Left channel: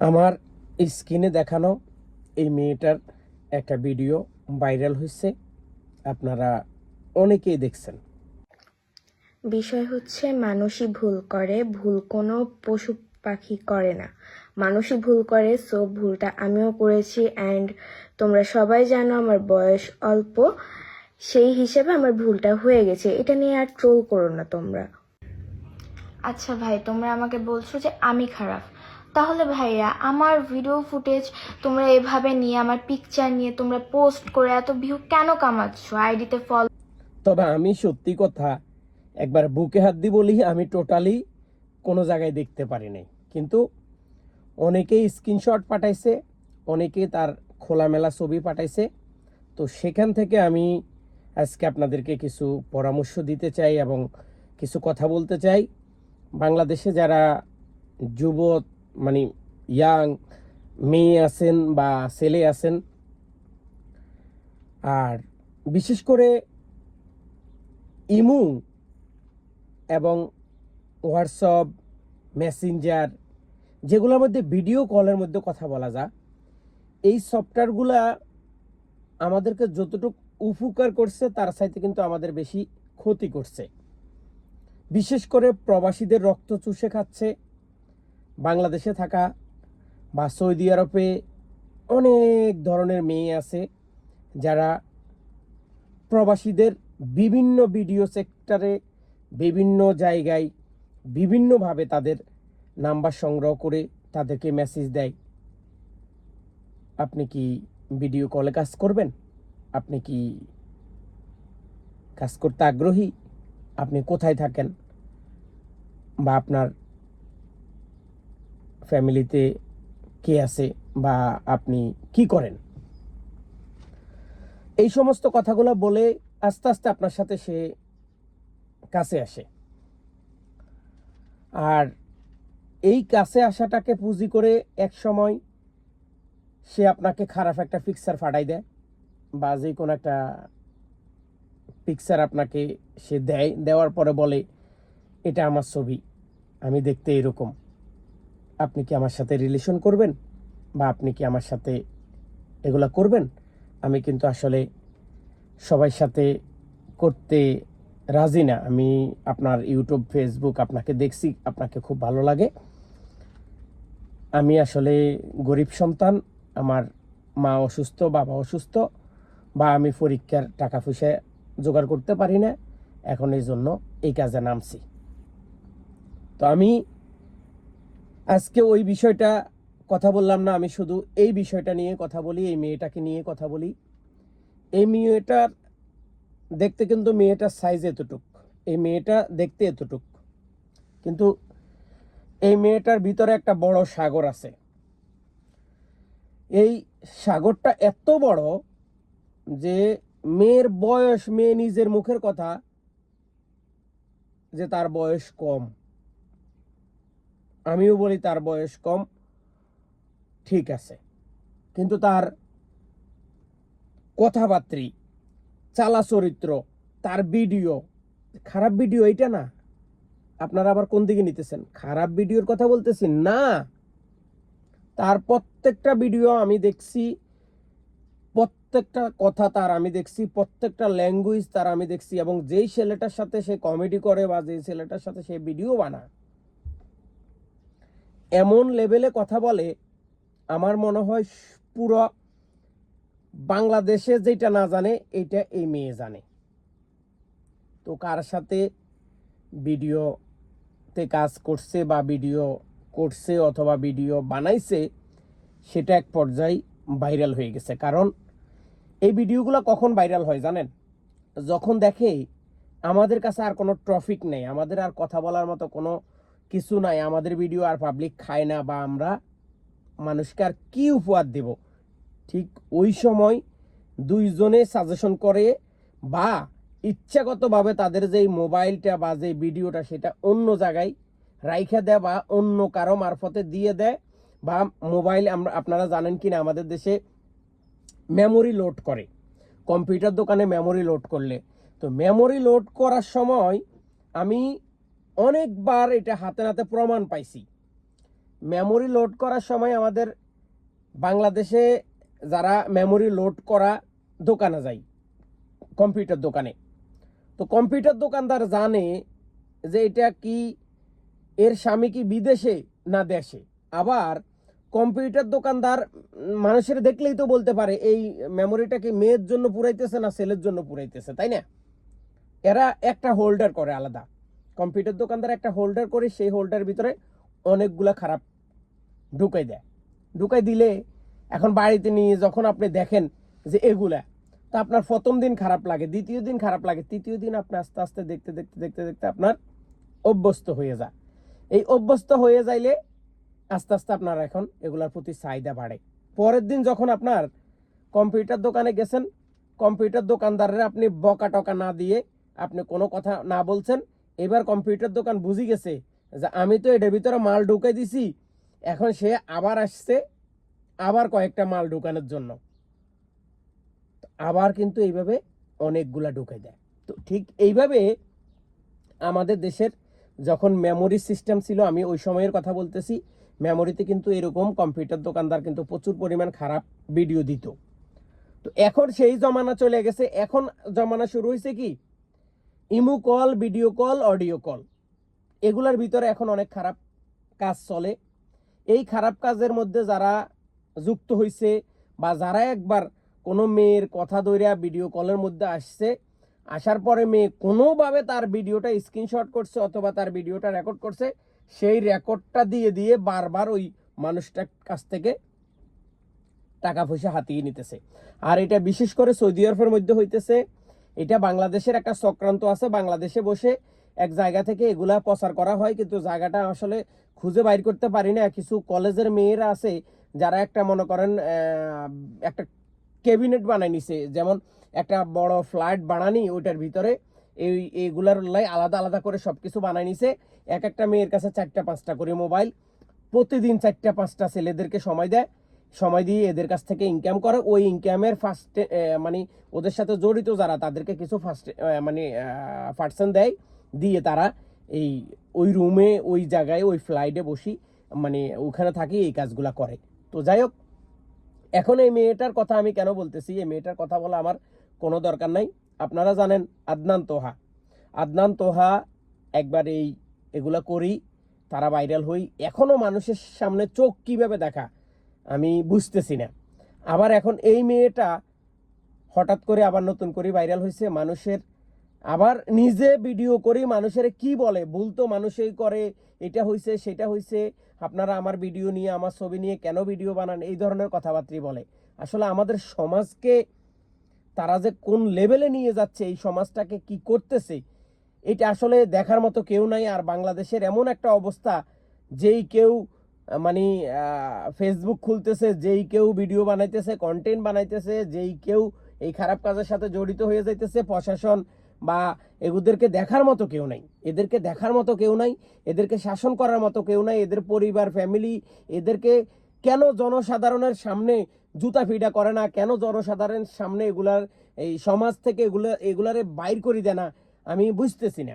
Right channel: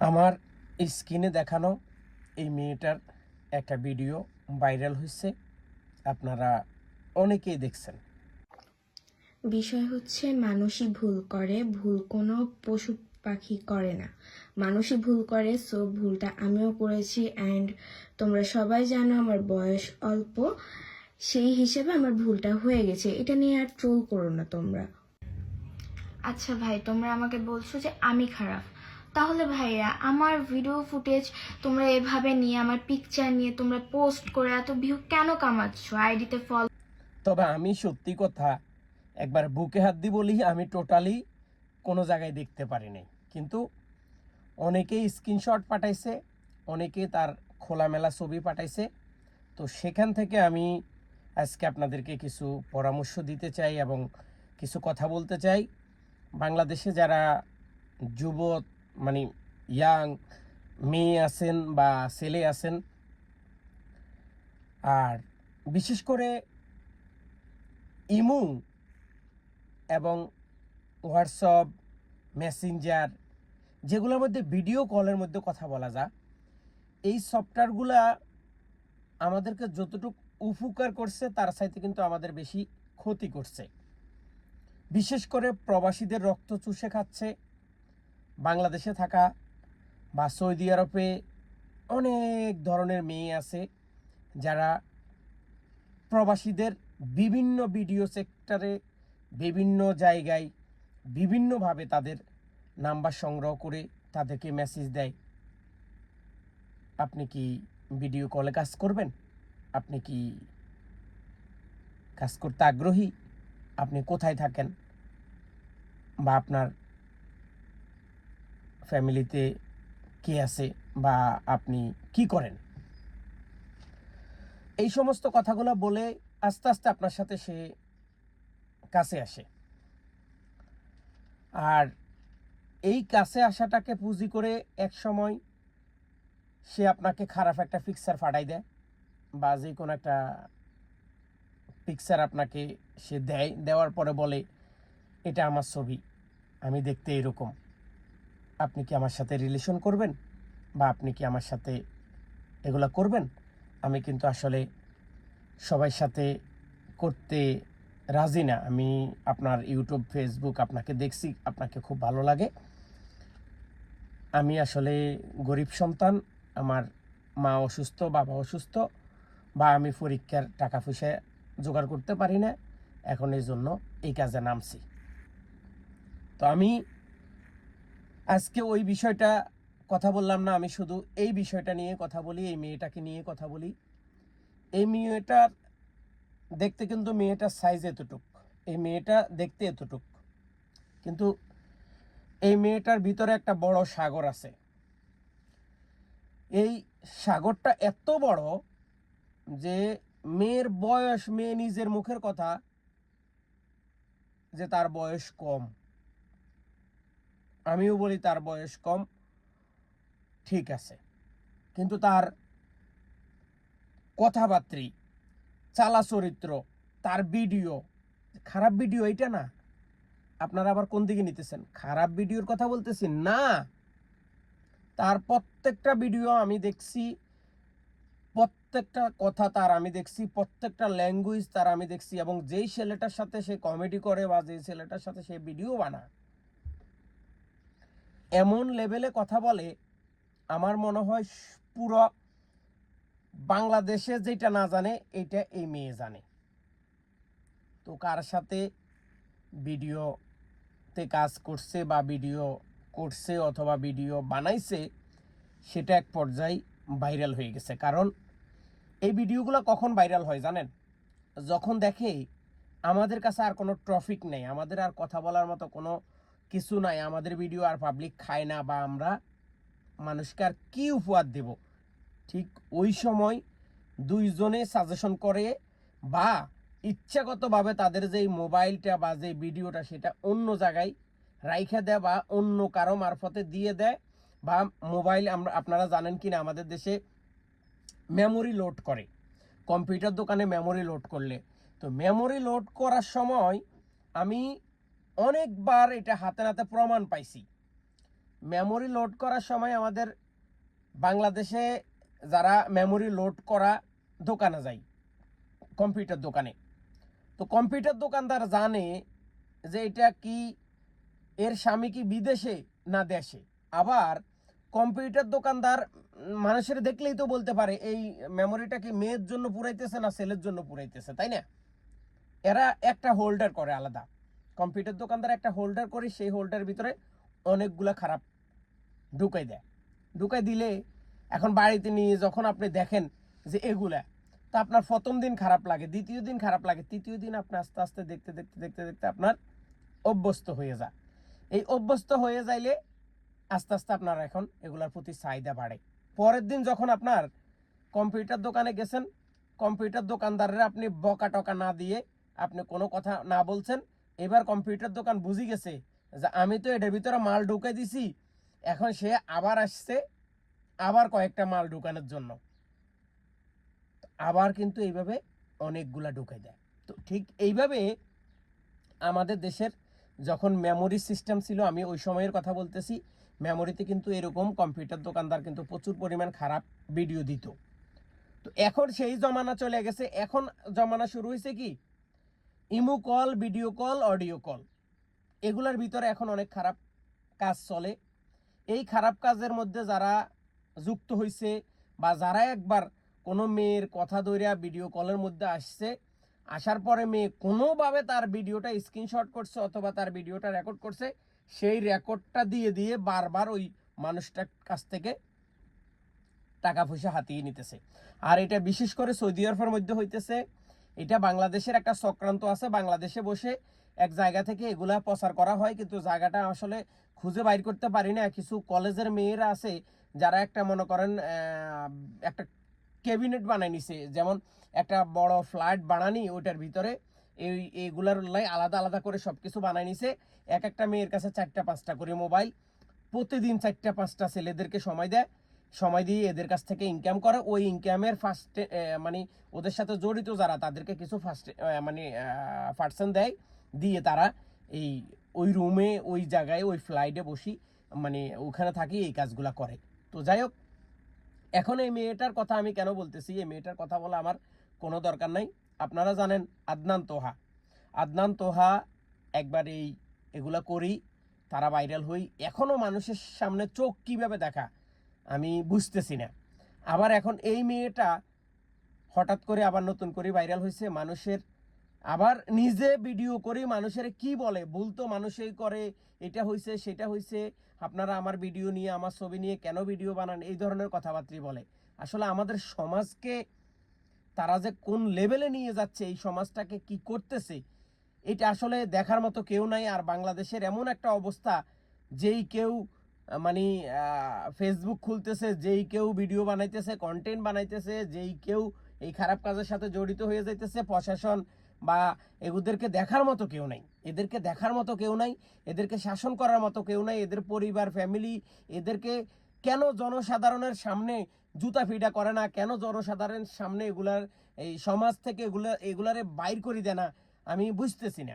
আমার স্ক্রিনে দেখানো এই মেয়েটার একটা ভিডিও ভাইরাল হয়েছে, আপনারা অনেকেই দেখছেন। বিষয় হচ্ছে মানুষই ভুল করে, ভুল কোনো পশু পাখি করে না, মানুষই ভুল করে। সো ভুলটা আমিও করেছি অ্যান্ড তোমরা সবাই জানো আমার বয়স অল্প, সেই হিসেবে আমার ভুলটা হয়ে গেছে। এটা নিয়ে আর ট্রোল করো না তোমরা। আচ্ছা ভাই, তোমরা আমাকে বলছো যে আমি খারাপ, তাহলে ভাইয়া আমার ভিডিও ফুটেজ তোমরা এভাবে নিয়ে, আমার পিকচার নিয়ে তোমরা পোস্ট করে এত ভিউ কেন কামাচ্ছ? আইডিতে ফলো। তবে আমি সত্যি কথা একবার বুকে হাত দি বলি, আমি টোটালি কোনো জায়গায় দেখতে পারি নাই, কিন্তু অনেকেই স্ক্রিনশট পাঠাইছে, অনেকে তার খোলামেলা ছবি পাঠাইছে। তো সেখান থেকে আমি আজকে আপনাদেরকে কিছু পরামর্শ দিতে চাই এবং কিছু কথা বলতে চাই। বাংলাদেশে যারা যুব মানে ইয়াং মেয়ে আছেন বা ছেলে আছেন, আর বিশেষ করে ইমু এবং হোয়াটসঅ্যাপ, মেসেঞ্জার, যেগুলোর মধ্যে ভিডিও কলের মধ্যে কথা বলা যায়, এই সফটওয়্যারগুলা আমাদেরকে যতটুকু উপকার করছে তার চাইতে কিন্তু আমাদের বেশি ক্ষতি করছে। বিশেষ করে প্রবাসীদের রক্ত চুষে খাচ্ছে। বাংলাদেশে থাকা বা সৌদি আরবে অনেক ধরনের মেয়ে আছে যারা প্রবাসীদের বিভিন্ন ভিডিও সেক্টরে, বিভিন্ন জায়গায় বিভিন্নভাবে তাদের নাম্বার সংগ্রহ করে তাদেরকে মেসেজ দেয়, আপনি কি ভিডিও কলে কাজ করবেন, আপনি কি কাজ করতে আগ্রহী, আপনি কোথায় থাকেন, বা আপনার ফ্যামিলিতে কে আছে, বা আপনি কি করেন, এই সমস্ত কথাগুলো বলে আস্তে আস্তে আপনার সাথে সে কাছে আসে। আর এই কাছে আসাটাকে পুঁজি করে এক সময় সে আপনাকে খারাপ একটা পিকচার পাঠাই দেয়, বা যে কোনো একটা পিকচার আপনাকে সে দেয়, দেওয়ার পরে বলে এটা আমার ছবি, আমি দেখতে এরকম, আপনি কি আমার সাথে রিলেশন করবেন, বা আপনি কি আমার সাথে এগুলা করবেন। আমি কিন্তু আসলে সবার সাথে করতে রাজি না। আমি আপনার ইউটিউব, ফেসবুক আপনাকে দেখছি, আপনাকে খুব ভালো লাগে। আমি আসলে গরিব সন্তান, আমার মা অসুস্থ, বাবা অসুস্থ, বা আমি পরীক্ষার টাকা পয়সা জোগাড় করতে পারি না, এখন এই জন্য এই কাজে নামছি। তো আমি আজকে ওই বিষয়টা কথা বললাম না, আমি শুধু এই বিষয়টা নিয়ে কথা বলি, এই মেয়েটাকে নিয়ে কথা বলি। এই মেয়েটার দেখতে কিন্তু মেয়েটার সাইজ এতটুক, এই মেয়েটা দেখতে এতটুক, কিন্তু এই মেয়েটার ভিতরে একটা বড় সাগর আছে। এই সাগরটা এত বড় যে মেয়ের বয়স, মেয়ে নিজের মুখের কথা যে তার বয়স কম, আমিও বলি তার বয়স কম, ঠিক আছে, কিন্তু তার কথাবার্তা, চালা চরিত্র, তার ভিডিও, খারাপ ভিডিও এটা না। আপনারা আবার কোন দিকে নিতেছেন, খারাপ ভিডিওর কথা বলতেছি না, তার প্রত্যেকটা ভিডিও আমি দেখছি, প্রত্যেকটা কথা তার আমি দেখছি, প্রত্যেকটা ল্যাঙ্গুয়েজ তার আমি দেখছি, এবং যেই ছেলেটার সাথে সে কমেডি করে বা যেই ছেলেটার সাথে সে ভিডিও বানায়, এমন লেভেলে কথা বলে, আমার মনে হয় পুরো বাংলাদেশে যেটা না জানে এটা এই মেয়ে জানে। তো কার সাথে ভিডিওতে কাজ করছে বা ভিডিও করছে অথবা ভিডিও বানাইছে, সেটা এক পর্যায়ে ভাইরাল হয়ে গেছে। কারণ এই ভিডিওগুলো কখন ভাইরাল হয় জানেন? যখন দেখে আমাদের কাছে আর কোনো ট্রফিক নেই, আমাদের আর কথা বলার মতো কোনো কিছু নাই, আমাদের ভিডিও আর পাবলিক খায় না, বা আমরা মানুষকে আর কি উপহার দেব, ঠিক ওই সময় দুইজনে সাজেশন করে বা ইচ্ছাগতভাবে তাদের যেই মোবাইলটা বা যে ভিডিওটা সেটা অন্য জায়গায় রাইখা দেয় বা অন্য কারো মারফতে দিয়ে দেয়, বা মোবাইল, আপনারা জানেন কিনা আমাদের দেশে মেমোরি লোড করে, কম্পিউটার দোকানে মেমোরি লোড করলে, তো মেমোরি লোড করার সময় আমি অনেকবার এটা হাতে নাতে প্রমাণ পাইছি মেমোরি লোড করার সময় আমাদের বাংলাদেশে যারা মেমোরি লোড করা দোকানে যায়, কম্পিউটার দোকানে, তো কম্পিউটার দোকানদার জানে যে এটা কি এর স্বামী কি বিদেশে না দেশে। আবার কম্পিউটার দোকানদার মানুষের দেখলেই তো বলতে পারে এই মেমোরিটা কি মেয়ের জন্য পুরাইতেছে না ছেলের জন্য পুরাইতেছে, তাই না? এরা একটা হোল্ডার করে আলাদা, কম্পিউটার দোকানদার একটা হোল্ডার করে, সেই হোল্ডারের ভিতরে অনেকগুলা খারাপ ঢুকাই দেয়। ঢুকাই দিলে এখন বাড়িতে নিয়ে যখন আপনি দেখেন যে এগুলা, তো আপনার প্রথম দিন খারাপ লাগে, দ্বিতীয় দিন খারাপ লাগে, তৃতীয় দিন আপনি আস্তে আস্তে দেখতে দেখতে দেখতে দেখতে আপনার অভ্যস্ত হয়ে যায়। এই অভ্যস্ত হয়ে যাইলে আস্তে আস্তে আপনার এখন এগুলার প্রতি চাহিদা বাড়ে। পরের দিন যখন আপনার কম্পিউটার দোকানে গেছেন, কম্পিউটার দোকানদারের আপনি বকা টকা না দিয়ে আপনি কোনো কথা না বলছেন, এবার কম্পিউটার দোকান বুঝে গেছে যে আমি তো এটার ভিতরে মাল ঢুকাই দিছি, এখন সে আবার আসছে আবার কয়েকটা মাল ঢুকানোর জন্য, আবার কিন্তু এইভাবে অনেকগুলা ঢুকাই দেয়। তো ঠিক এইভাবে আমাদের দেশের যখন মেমোরি সিস্টেম ছিল, আমি ওই সময়ের কথা বলতেছি, মেমোরিতে কিন্তু এরকম কম্পিউটার দোকানদার কিন্তু প্রচুর পরিমাণ খারাপ ভিডিও দিত। তো এখন সেই জমানা চলে গেছে, এখন জমানা শুরু হয়েছে কি imo call, video call, audio call, এগুলার ভিতরে এখন অনেক খারাপ কাজ চলে। এই খারাপ কাজের মধ্যে যারা যুক্ত হয়েছে বা যারা একবার কোনো মেয়ের কথা ধইরা ভিডিও কলের মধ্যে আসছে, আসার পরে মেয়ে কোনোভাবে তার ভিডিওটা স্ক্রিনশট করছে অথবা তার ভিডিওটা রেকর্ড করছে, সেই রেকর্ডটা দিয়ে দিয়ে বারবার ওই মানুষটার কাছ থেকে টাকা পয়সা হাতিয়ে নিতেছে। আর এটা বিশেষ করে সৌদি আরবের মধ্যে হইতেছে। এটা বাংলাদেশের একটা চক্রান্ত আছে, বাংলাদেশে বসে এক জায়গা থেকে এগুলা প্রচার করা হয়, কিন্তু জায়গাটা আসলে খুঁজে বাইর করতে পারি না। কিছু কলেজের মেয়েরা আছে যারা একটা মনে করেন একটা ক্যাবিনেট বানাই নিছে, যেমন একটা বড় ফ্ল্যাট বানানি, ওইটার ভিতরে এইগুলার লাই আলাদা আলাদা করে সবকিছু বানাই নিছে। এক একটা মেয়ের কাছে 4টা 5টা করে মোবাইল, প্রতিদিন 4টা 5টা ছেলেদেরকে সময় দেয়, সময় দিয়ে এদের কাছ থেকে ইনকাম করে। ওই ইনকামের ফার্স্টে মানে ওদের সাথে জড়িত যারা তাদেরকে কিছু ফার্স্ট মানে পার্সেন্ট দেয়, দিয়ে তারা এই ওই রুমে ওই জায়গায় ওই ফ্লাইটে বসি মানে ওখানে থাকি এই কাজগুলা করে। তো যাই হোক, এখন এই মেয়েটার কথা আমি কেন বলতেছি, এই মেয়েটার কথা বলা আমার কোনো দরকার নাই। আপনারা জানেন আদনান তোহা একবার এগুলা করি তারা ভাইরাল হই, এখনো মানুষের সামনে চোখ কিভাবে দেখা আমি বুঝতেছি না। আবার এখন এই মেয়েটা হঠাৎ করে আবার নতুন করে ভাইরাল হয়েছে, মানুষের আবার নিজে ভিডিও করি মানুষের কি বলে, ভুল তো মানুষই করে, এটা হয়েছে সেটা হয়েছে, আপনারা আমার ভিডিও নিয়ে আমার ছবি নিয়ে কেন ভিডিও বানান, এই ধরনের কথাবার্তা বলে। আসলে আমাদের সমাজকে তারা যে কোন লেভেলে নিয়ে যাচ্ছে, এই সমাজটাকে কি করতেছে, এটা আসলে দেখার মতো কেউ নাই। আর বাংলাদেশের এমন একটা অবস্থা, যেই কেউ মানে ফেসবুক খুলতেছে, যেই কেউ ভিডিও বানাইতেছে, কন্টেন্ট বানাইতেছে, যেই কেউ এই খারাপ কাজের সাথে জড়িত হয়ে যাইতেছে, প্রশাসন বা এদেরকে দেখার মতো কেউ নাই, এদেরকে দেখার মতো কেউ নাই, এদেরকে শাসন করার মতো কেউ নাই, এদের পরিবার ফ্যামিলি এদেরকে কেন জনসাধারণের সামনে জুতা ফিডা করে না, কেন জনসাধারণের সামনে এগুলার এই সমাজ থেকে এগুলারে বাইর করে দেয় না, আমি বুঝতেছি না।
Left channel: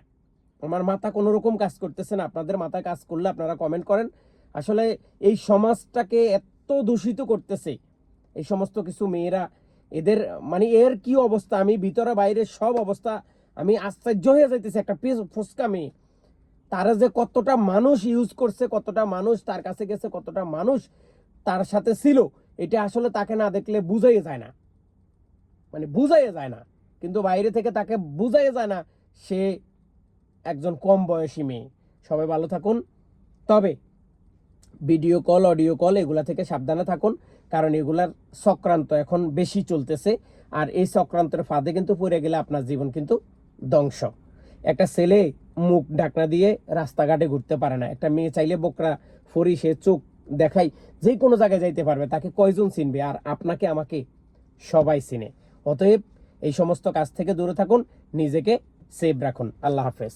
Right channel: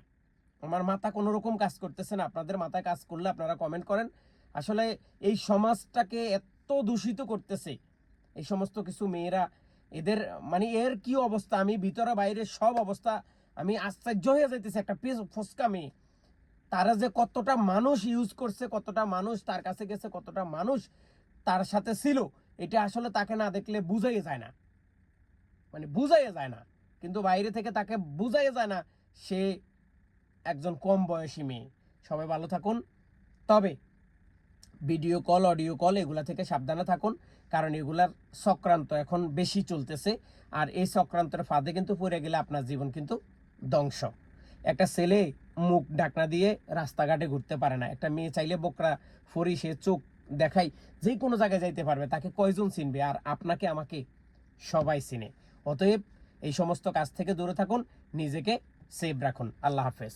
আমার মাথা কোনো রকম কাজ করতেছে না। আপনাদের মাথায় কাজ করলে আপনারা কমেন্ট করেন। আসলে এই সমাজটাকে এত দূষিত করতেছে এই সমস্ত কিছু মেয়েরা, এদের মানে এর কি অবস্থা, আমি ভিতরে বাইরে সব অবস্থা আমি আশ্চর্য হয়ে যাইতেছি। একটা ফসকা মেয়ে, তারা যে কতটা মানুষ ইউজ করছে, কতটা মানুষ তার কাছে গেছে, কতটা মানুষ তার সাথে ছিল, এটা আসলে তাকে না দেখলে বুঝাই যায় না, মানে বুঝাই যায় না। কিন্তু বাইরে থেকে তাকে বুঝাই যায় না সে একজন কম বয়সী মেয়ে। সবাই ভালো থাকুন, তবে ভিডিও কল, অডিও কল এগুলা থেকে সাবধানে থাকুন, কারণ এগুলার চক্রান্ত এখন বেশি চলতেছে। আর এই চক্রান্তের ফাঁদে কিন্তু পড়ে গেলে আপনার জীবন কিন্তু ধ্বংস। একটা ছেলে মুখ ঢাকনা দিয়ে রাস্তাঘাটে ঘুরতে পারে না, একটা মেয়ে চাইলে বোকরা ফরি সে চোখ দেখাই যে কোনো জায়গায় যাইতে পারবে, তাকে কয়জন চিনবে? আর আপনাকে আমাকে সবাই চিনে। অতএব এই সমস্ত কাজ থেকে দূরে থাকুন, নিজেকে সেভ রাখুন। আল্লাহ হাফেজ।